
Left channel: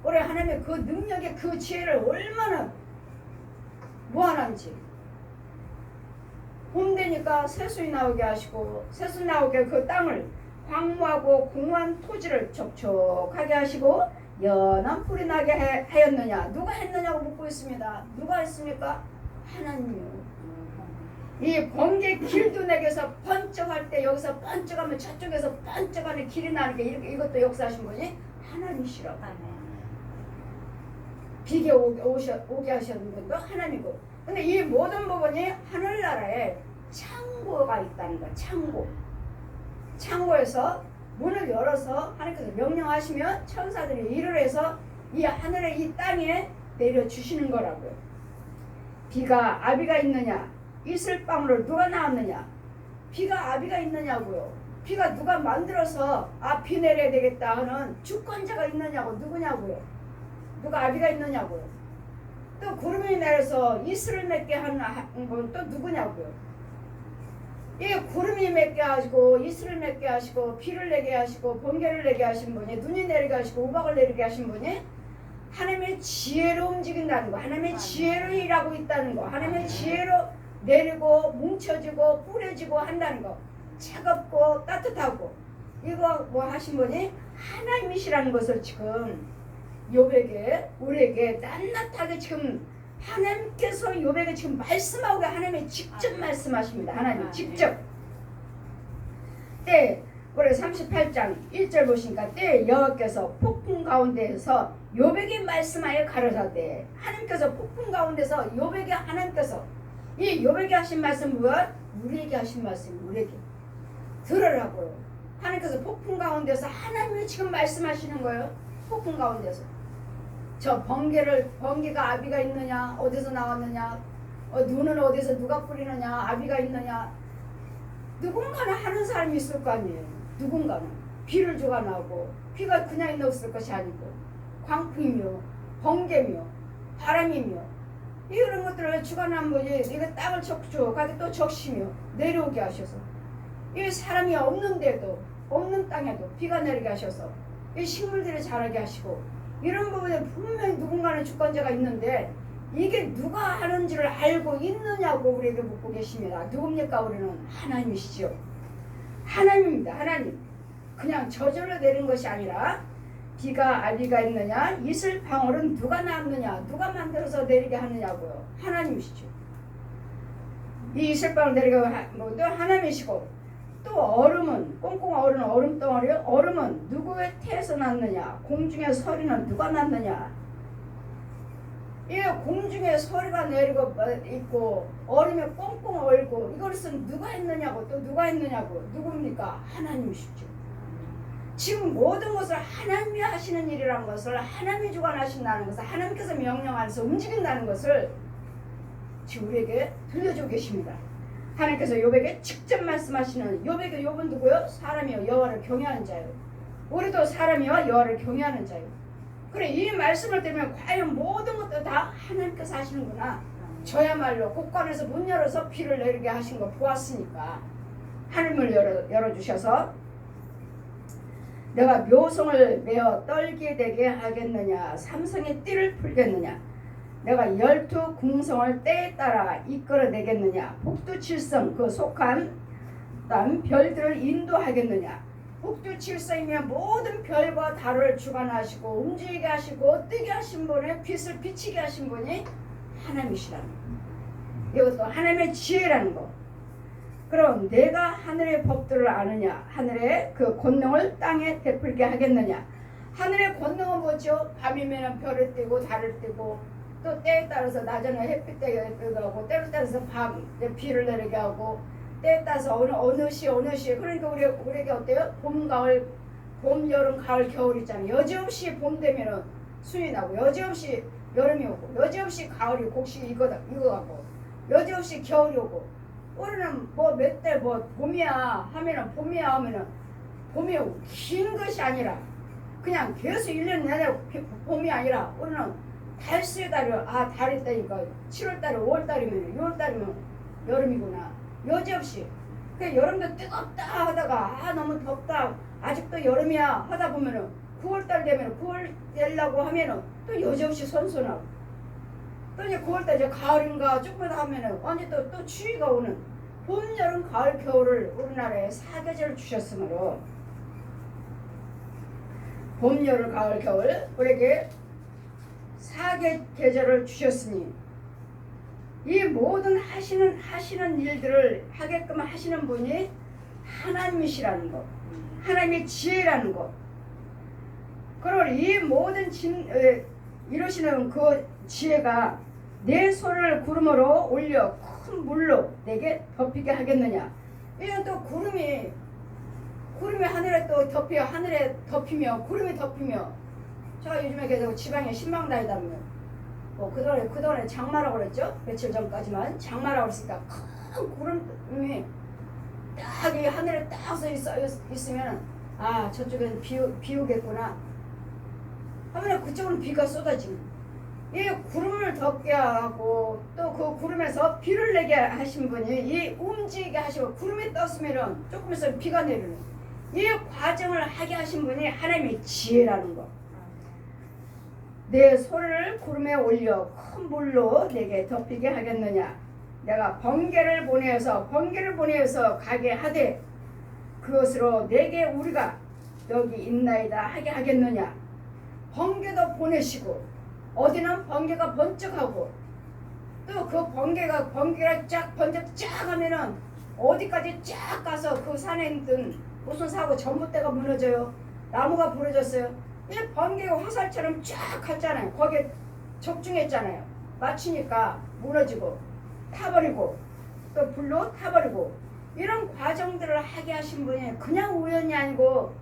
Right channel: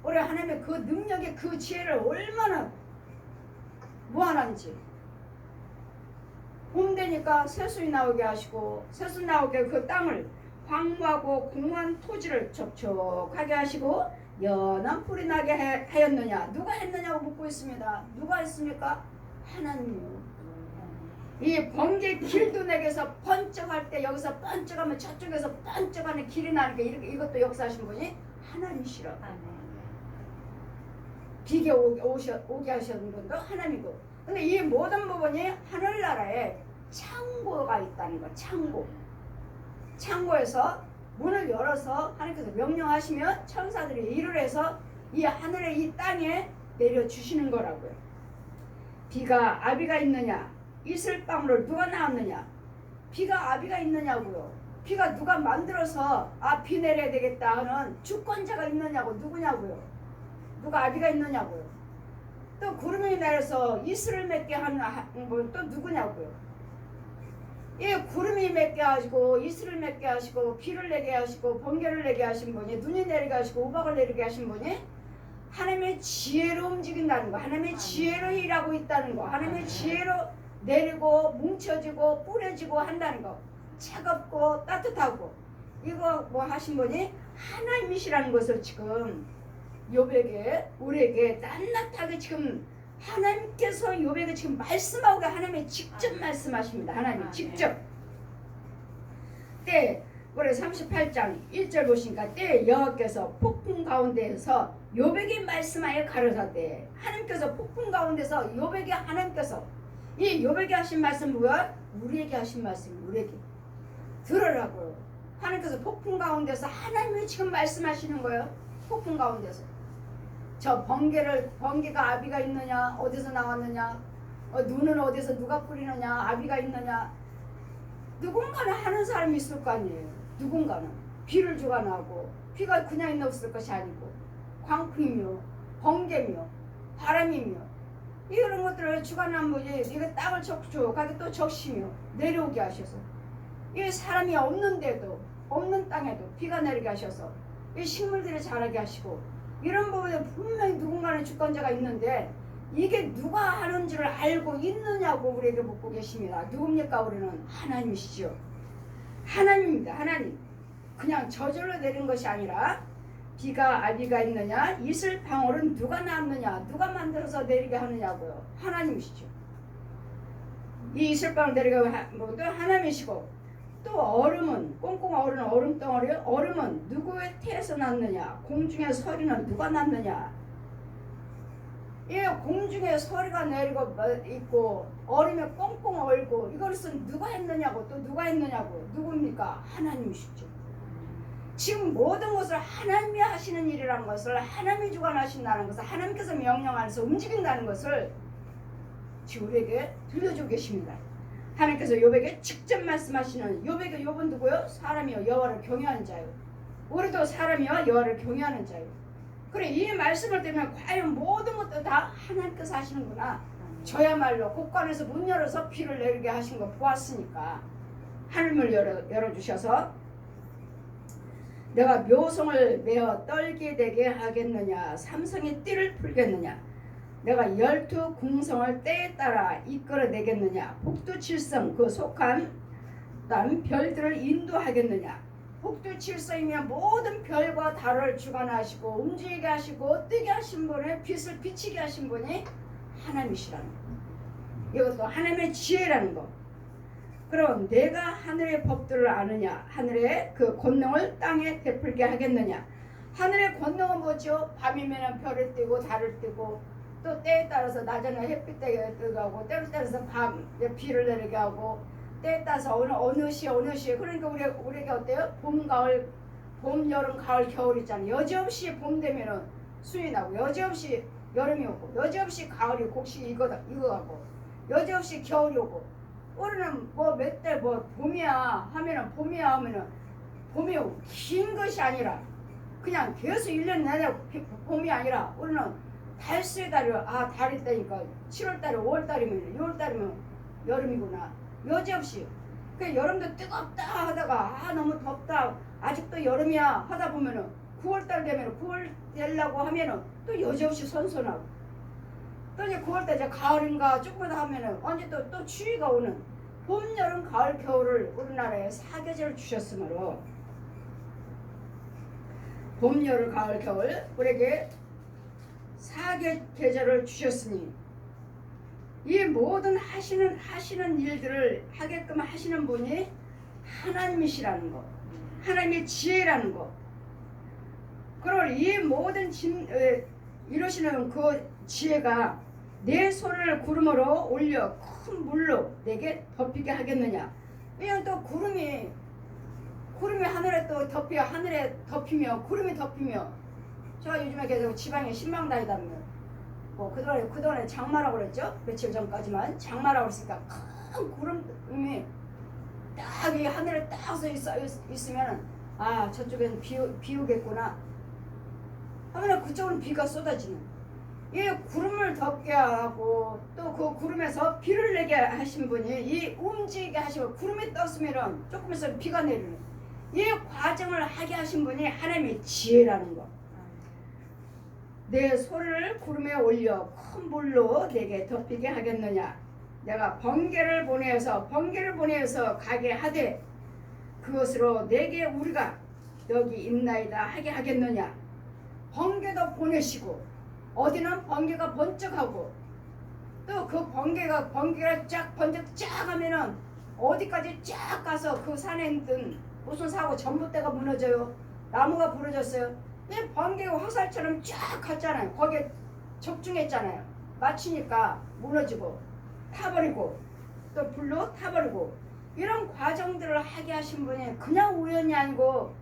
우리 하나님의 그 능력의 그 지혜를 얼마나 무한한지 봄 되니까 새순이 나오게 하시고 새순 나오게 그 땅을 황무하고 공허한 토지를 촉촉하게 하시고 연한 풀이 나게 하였느냐 누가 했느냐고 묻고 있습니다. 누가 했습니까? 하나님이요. 이 번개 길도 내게서 번쩍할 때 여기서 번쩍하면 저쪽에서 번쩍하는 길이 나는 게 이것도 역사하신 분이 하나님이시라고. 비게 오게 하시는 분도 하나님이고. 근데 이 모든 부분이 하늘나라에 창고가 있다는 거야. 창고에서 문을 열어서 하나님께서 명령하시면 천사들이 일을 해서 이 하늘의 이 땅에 내려주시는 거라고요. 비가 아비가 있느냐 이슬방울을 누가 낳았느냐 비가 아비가 있느냐고요. 비가 누가 만들어서 비 내려야 되겠다 하는 주권자가 있느냐고 누구냐고요. 누가 아비가 있느냐고요. 또 구름이 내려서 이슬을 맺게 하는 건 또 누구냐고요. 이 구름이 맺게 하시고 이슬을 맺게 하시고 비를 내게 하시고 번개를 내게 하신 분이 눈이 내리게 하시고 우박을 내리게 하신 분이 하나님의 지혜로 움직인다는 거. 하나님의 지혜로 일하고 있다는 거. 하나님의 지혜로 내리고 뭉쳐지고 뿌려지고 한다는 거. 차갑고 따뜻하고 이거 뭐 하신 분이 하나님이시라는 것을 지금 욥에게 우리에게 낱낱하게 지금 하나님께서 욥에게 지금 말씀하고 하나님이 직접 말씀하십니다. 하나님 직접. 때 우리 38장 1절 보시니까 때 여호와께서 폭풍 가운데에서 욥에게 말씀하여 가르사대. 하나님께서 폭풍 가운데서 욥에게 하나님께서 이 욥에게 하신 말씀 뭐야? 우리에게 하신 말씀 우리에게 들으라고요. 하나님께서 폭풍 가운데서 하나님이 지금 말씀하시는 거예요. 폭풍 가운데서 저 번개가 아비가 있느냐 어디서 나왔느냐 눈은 어디서 누가 뿌리느냐 아비가 있느냐 누군가는 하는 사람이 있을 거 아니에요. 누군가는 비를 주관하고 비가 그냥 있는 없을 것이 아니고 광풍이며 번개며 바람이며 이런 것들을 주관한 분이 이거 땅을 촉촉하게 또 적시며 내려오게 하셔서 이 사람이 없는데도 없는 땅에도 비가 내리게 하셔서 이 식물들이 자라게 하시고 이런 부분에 분명히 누군가는 주권자가 있는데 이게 누가 하는지를 알고 있느냐고 우리에게 묻고 계십니다. 누굽니까? 우리는 하나님이시죠. 하나님입니다. 하나님. 그냥 저절로 내린 것이 아니라 비가 아비가 있느냐? 이슬 방울은 누가 낳느냐? 누가 만들어서 내리게 하느냐고요? 하나님이시죠. 이 이슬 방울 내리게 뭐도 하나님이시고, 또 얼음은 꽁꽁 얼은 얼음 덩어리, 얼음은 누구의 태에서 났느냐? 공중의 서리는 누가 났느냐? 이 공중에 서리가 내리고 있고 얼음에 꽁꽁 얼고 이것은 누가 했느냐고, 또 누가 했느냐고. 누굽니까? 하나님이시죠. 지금 모든 것을 하나님이 하시는 일이라는 것을, 하나님이 주관하신다는 것을, 하나님께서 명령 안에서 움직인다는 것을 지금 우리에게 들려주고 계십니다. 하나님께서 욥에게 직접 말씀하시는, 욥에게 욥은 누구요? 사람이요 여호와를 경외하는 자요. 우리도 사람이요 여호와를 경외하는 자요. 그래, 이 말씀을 들으면 과연 모든 것도 다 하나님께서 하시는구나. 저야말로 곳간에서 문 열어서 비를 내리게 하신 거 보았으니까 하늘문을 열어주셔서 내가 묘성을 메어 떨게 되게 하겠느냐? 삼성의 띠를 풀겠느냐? 내가 12 궁성을 때에 따라 이끌어내겠느냐? 북두칠성 그 속한 별들을 인도하겠느냐? 북두칠성이면 모든 별과 달을 주관하시고 움직이게 하시고 뜨게 하신 분의 빛을 비치게 하신 분이 하나님이시라는 거. 이것도 하나님의 지혜라는 거. 그럼 내가 하늘의 법들을 아느냐? 하늘의 그 권능을 땅에 베풀게 하겠느냐? 하늘의 권능은 뭐죠? 밤이면 별을 띄고 달을 띄고, 또 때에 따라서 낮에는 햇빛 때에 뜨게 하고, 때에 따라서 밤 비를 내리게 하고, 때에 따라서 어느 시에 그러니까 우리에게 어때요? 봄, 가을, 봄, 여름, 가을, 겨울 있잖아요. 여지없이 봄 되면은 순이 나고, 여지없이 여름이 오고, 여지없이 가을이 곡식 이거 하고, 여지없이 겨울이 오고. 우리는 뭐 몇 달 뭐 봄이야 하면은 봄이 오고, 긴 것이 아니라 그냥 계속 1년 내내 봄이 아니라 우리는 달수의 달이요. 달이 있다니까 7월달에 5월달이면 6월달이면 여름이구나. 여지없이 그 여름도 뜨겁다 하다가 너무 덥다 아직도 여름이야 하다 보면은 9월달 되면 9월 되려고 하면은 또 여지없이 선선하고, 또 이제 9월달 이제 가을인가 조금 더 하면은 언제 또 추위가 오는 봄, 여름, 가을, 겨울을 우리나라에 4계절을 주셨으므로 봄, 여름, 가을, 겨울 우리에게 4계절을 주셨으니 이 모든 하시는 일들을 하게끔 하시는 분이 하나님이시라는 거, 하나님의 지혜라는 거. 그리고 이 모든 이루시는 그 지혜가 내 손을 구름으로 올려 큰 물로 내게 덮이게 하겠느냐? 이건 또 구름이 하늘에 또 하늘에 덮이며 구름이 덮이며, 제가 요즘에 계속 지방에 신방 다니다면 뭐 그동안에 장마라고 그랬죠? 며칠 전까지만 장마라고 그랬으니까 큰 구름이 딱 이 하늘에 딱 서 있으면 저쪽엔 비 오겠구나 하면 그쪽은 비가 쏟아지는, 이 구름을 덮게 하고 또 그 구름에서 비를 내게 하신 분이 이 움직이게 하시고, 구름이 떴으면 조금 있으면 비가 내리는 이 과정을 하게 하신 분이 하나님의 지혜라는 거. 내 손을 구름에 올려 큰 물로 내게 덮이게 하겠느냐? 내가 번개를 보내어서 가게 하되 그것으로 내게 우리가 여기 있나이다 하게 하겠느냐? 번개도 보내시고, 어디는 번개가 번쩍하고, 또 그 번개가 쫙 번쩍 쫙 하면은 어디까지 쫙 가서 그 산에 있던 무슨 사고 전봇대가 무너져요. 나무가 부러졌어요. 이 번개가 화살처럼 쫙 갔잖아요. 거기에 적중했잖아요. 맞추니까 무너지고 타버리고 또 불로 타버리고, 이런 과정들을 하게 하신 분이 그냥 우연이 아니고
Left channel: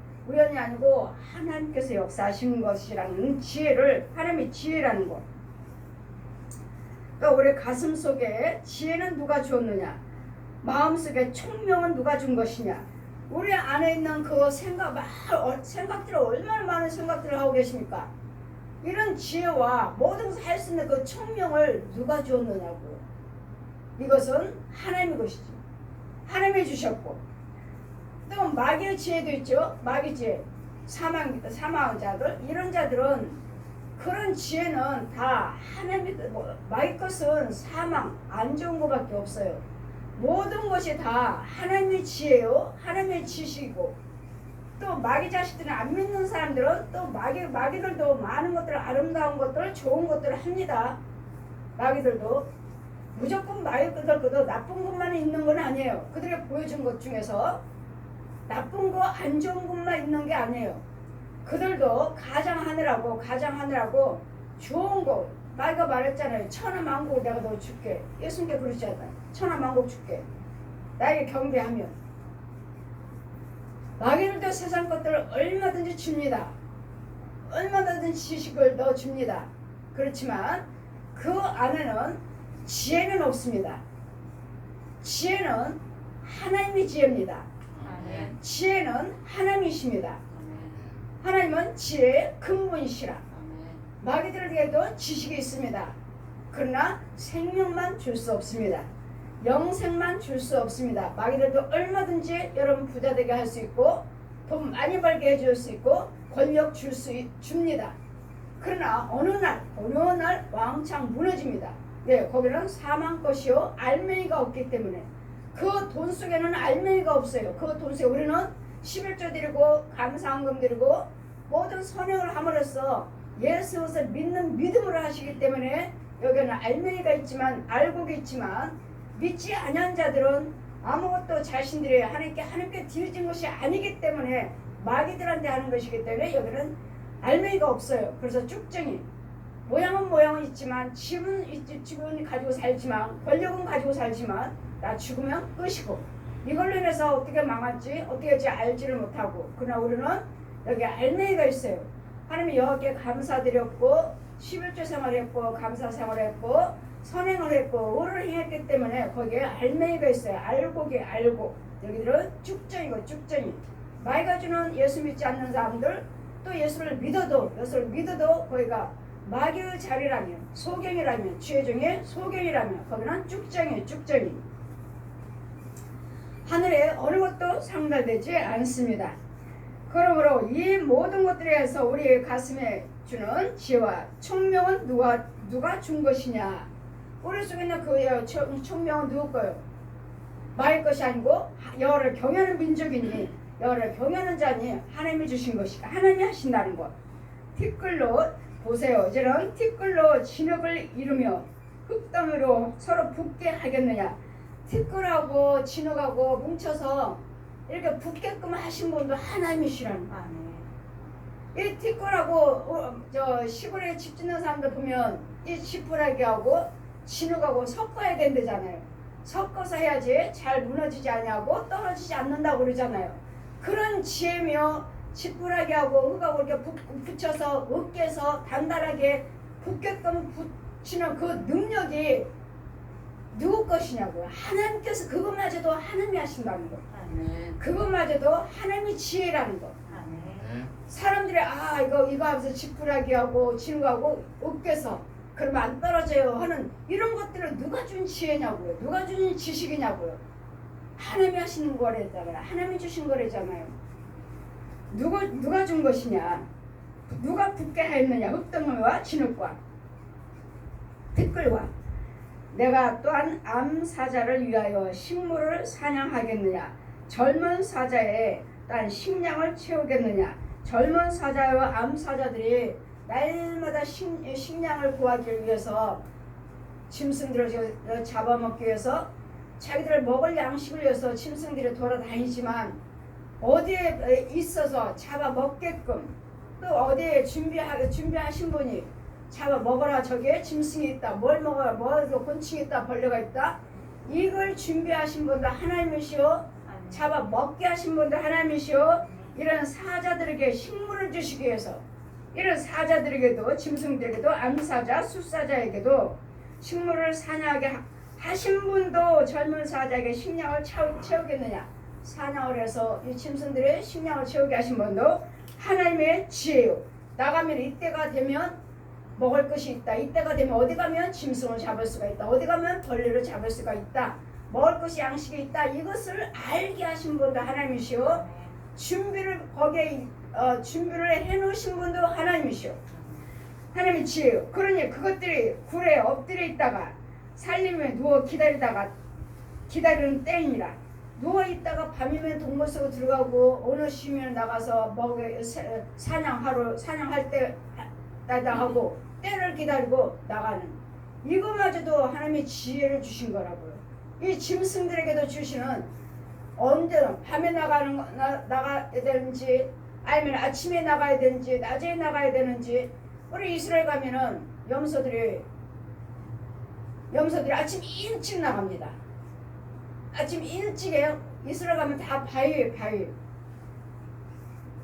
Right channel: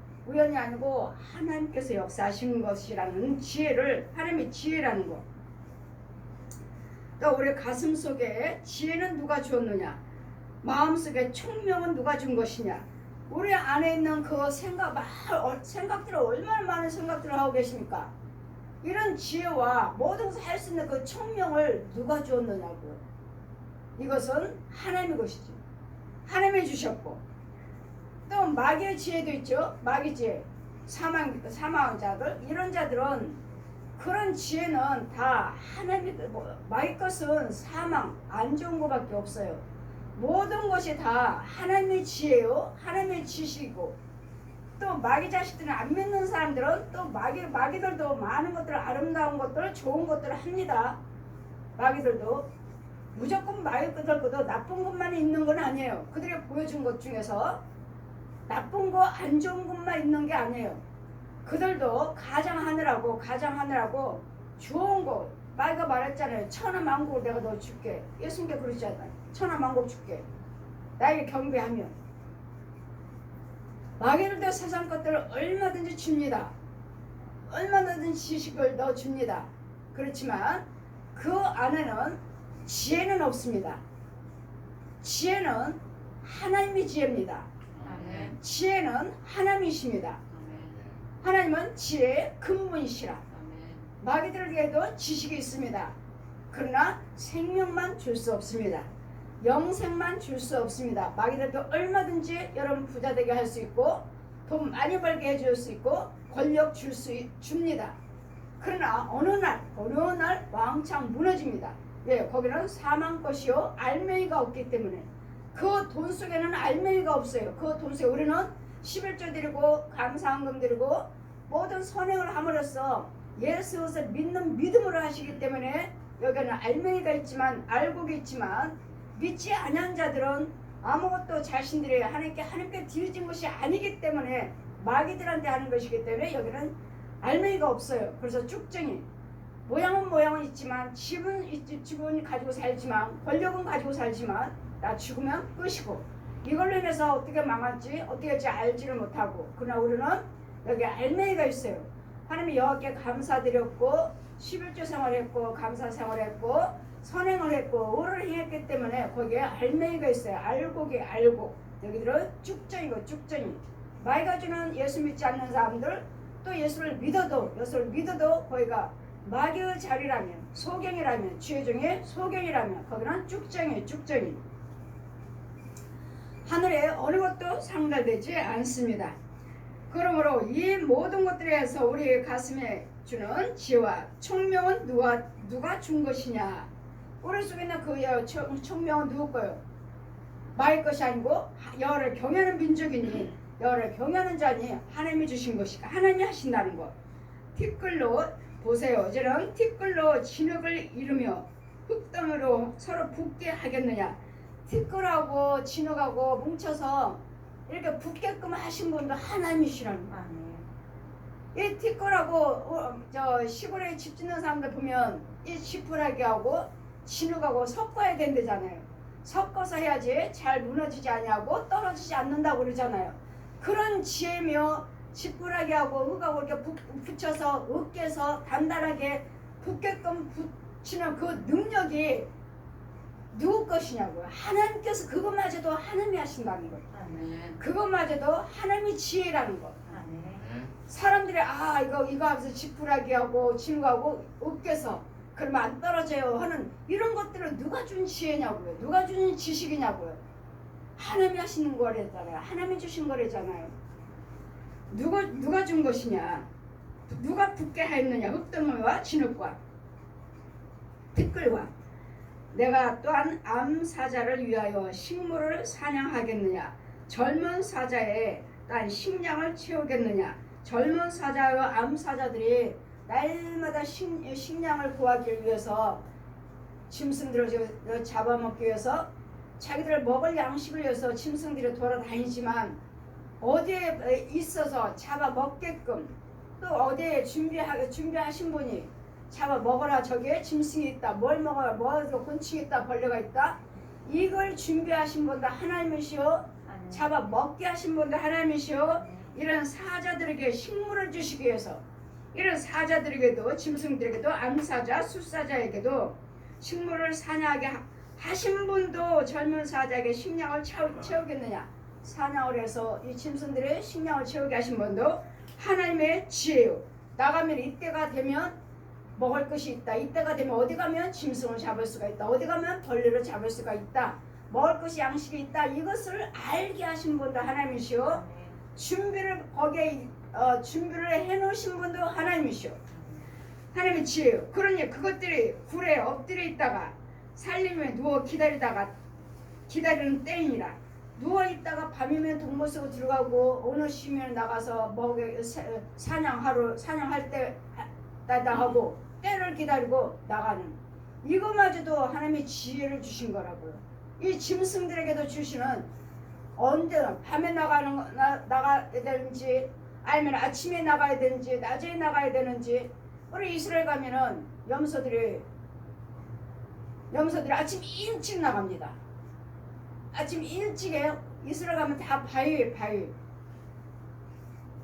하나님께서 역사하신 것이라는 지혜를, 하나님의 지혜라는 거. 또 우리 가슴 속에 지혜는 누가 주었느냐? 마음속에 총명은 누가 준 것이냐? 우리 안에 있는 그 생각들을 얼마나 많은 생각들을 하고 계십니까? 이런 지혜와 모든 것을 할 수 있는 그 총명을 누가 주었느냐고. 이것은 하나님의 것이지. 하나님이 주셨고, 또 마귀의 지혜도 있죠. 마귀 지혜, 사망자들, 이런 자들은 그런 지혜는 다 하나님의, 마귀 것은 사망, 안 좋은 것밖에 없어요. 모든 것이 다 하나님의 지혜요, 하나님의 지식이고, 또 마귀 자식들은 안 믿는 사람들은 또 마귀들도 많은 것들 아름다운 것들 좋은 것들을 합니다. 마귀들도 무조건 마귀들도 나쁜 것만 있는 건 아니에요. 그들이 보여준 것 중에서 나쁜 거 안 좋은 것만 있는 게 아니에요. 그들도 가장하느라고 좋은 거 마귀가 말했잖아요. 천하만국을 내가 너 줄게. 예수님께 그러셨잖아요. 천하만국 줄게. 나에게 경배하면. 마귀들도 세상 것들을 얼마든지 줍니다. 얼마든지 지식을 넣어줍니다. 그렇지만 그 안에는 지혜는 없습니다. 지혜는 하나님의 지혜입니다. 아멘. 지혜는 하나님이십니다. 아멘. 하나님은 지혜의 근본이시라. 아멘. 마귀들에게도 지식이 있습니다. 그러나 생명만 줄 수 없습니다. 영생만 줄 수 없습니다. 마귀들도 얼마든지 여러분 부자 되게 할 수 있고 돈 많이 벌게 해줄 수 있고 권력 줍니다. 그러나 어느 날 왕창 무너집니다. 왜? 거기는 사망 것이요 알맹이가 없기 때문에. 그 돈 속에는 알맹이가 없어요. 그 돈 속에 우리는 11조 드리고 감사헌금 드리고 모든 선행을 함으로써 예수를 믿는 믿음으로 하시기 때문에 여기는 알맹이가 있지만 알곡이 있지만 믿지 아니한 자들은 아무것도 자신들이 하나님께 드려진 것이 아니기 때문에 마귀들한테 하는 것이기 때문에 여기는 알맹이가 없어요. 그래서 쭉정이 모양은 있지만 집은 가지고 살지만 권력은 가지고 살지만 나 죽으면 끝이고 이걸로 인해서 어떻게 망할지 어떻게 할지 알지를 못하고 그러나 우리는 여기 알맹이가 있어요. 하나님이 여호와께 감사드렸고 11조 생활했고 감사 생활했고 선행을 했고 의를 행했기 때문에 거기에 알맹이가 있어요. 알곡이 알곡. 여기들은 쭉정이고 쭉정이. 마귀가 주는 예수 믿지 않는 사람들 또 예수를 믿어도 거기가 마귀의 자리라면 소경이라면 주의 중에 소경이라면 거기는 쭉정이. 하늘에 어느 것도 상달되지 않습니다. 그러므로 이 모든 것들에서 우리 가슴에 주는 지혜와 총명은 누가 준 것이냐? 우리 속에 있는 그 총명은 누구 거요? 마귀 것이 아니고 여호와를 경외하는 민족이니 여호와를 경외하는 자니 하나님이 주신 것이니까 하나님이 하신다는 것. 티끌로 보세요. 이제는 티끌로 진흙을 이루며 흙덩이로 서로 붙게 하겠느냐? 티끌하고 진흙하고 뭉쳐서 이렇게 붙게끔 하신 분도 하나님이시라는 거야. 이 티끌하고 시골에 집 짓는 사람들 보면 이 지푸라기하고 진흙하고 섞어야 된대잖아요. 섞어서 해야지 잘 무너지지 아니하고 떨어지지 않는다고 그러잖아요. 그런 지혜며 지푸라기하고 흙하고 이렇게 붙여서 으깨서 단단하게 붙게끔 붙이는 그 능력이 누구 것이냐고요. 하나님께서 그것마저도 하나님이 하신다는 거. 그것마저도 하나님의 지혜라는 거. 사람들이 이거 하면서 지푸라기하고 진흙하고 으깨서 그러면 안 떨어져요 하는 이런 것들을 누가 준 지혜냐고요. 누가 준 지식이냐고요. 하나님이 하시는 거래잖아요. 하나님이 주신 거래잖아요. 누가 준 것이냐. 누가 붙게 하였느냐. 흙덩이와 진흙과 티끌과. 내가 또한 암사자를 위하여 식물을 사냥하겠느냐. 젊은 사자의 딴 식량을 채우겠느냐. 젊은 사자와 암사자들이 날마다 식량을 구하기 위해서 짐승들을 잡아먹기 위해서 자기들 먹을 양식을 위해서 짐승들이 돌아다니지만 어디에 있어서 잡아먹게끔 또 어디에 준비하신 분이 잡아먹어라. 저기에 짐승이 있다. 뭘 먹어라. 곤충이 있다. 벌레가 있다. 이걸 준비하신 분도 하나님이시오. 잡아먹게 하신 분도 하나님이시오. 이런 사자들에게 식물을 주시기 위해서 이런 사자들에게도 짐승들에게도 암사자 숫사자에게도 식물을 사냥하게 하신 분도 젊은 사자에게 식량을 채우겠느냐. 사냥을 해서 이 짐승들의 식량을 채우게 하신 분도 하나님의 지혜요. 나가면 이때가 되면 먹을 것이 있다. 이때가 되면 어디 가면 짐승을 잡을 수가 있다. 어디 가면 벌레를 잡을 수가 있다. 먹을 것이 양식이 있다. 이것을 알게 하신 분도 하나님이시오. 준비를 해놓으신 분도 하나님이시오. 하나님의 지혜요. 그러니 그것들이 굴에 엎드려 있다가 살림에 누워 기다리는 때이니라. 누워 있다가 밤이면 동물 속으로 들어가고 어느 쉬면 나가서 먹여 사냥할 때 나가고 때를 기다리고 나가는 이거마저도 하나님의 지혜를 주신 거라고요. 이 짐승들에게도 주시는 언제나 밤에 나가야 되는지 아니면 아침에 나가야 되는지 낮에 나가야 되는지 우리 이스라엘 가면은 염소들이 아침 일찍 나갑니다. 아침 일찍에 이스라엘 가면 다 바위에 바위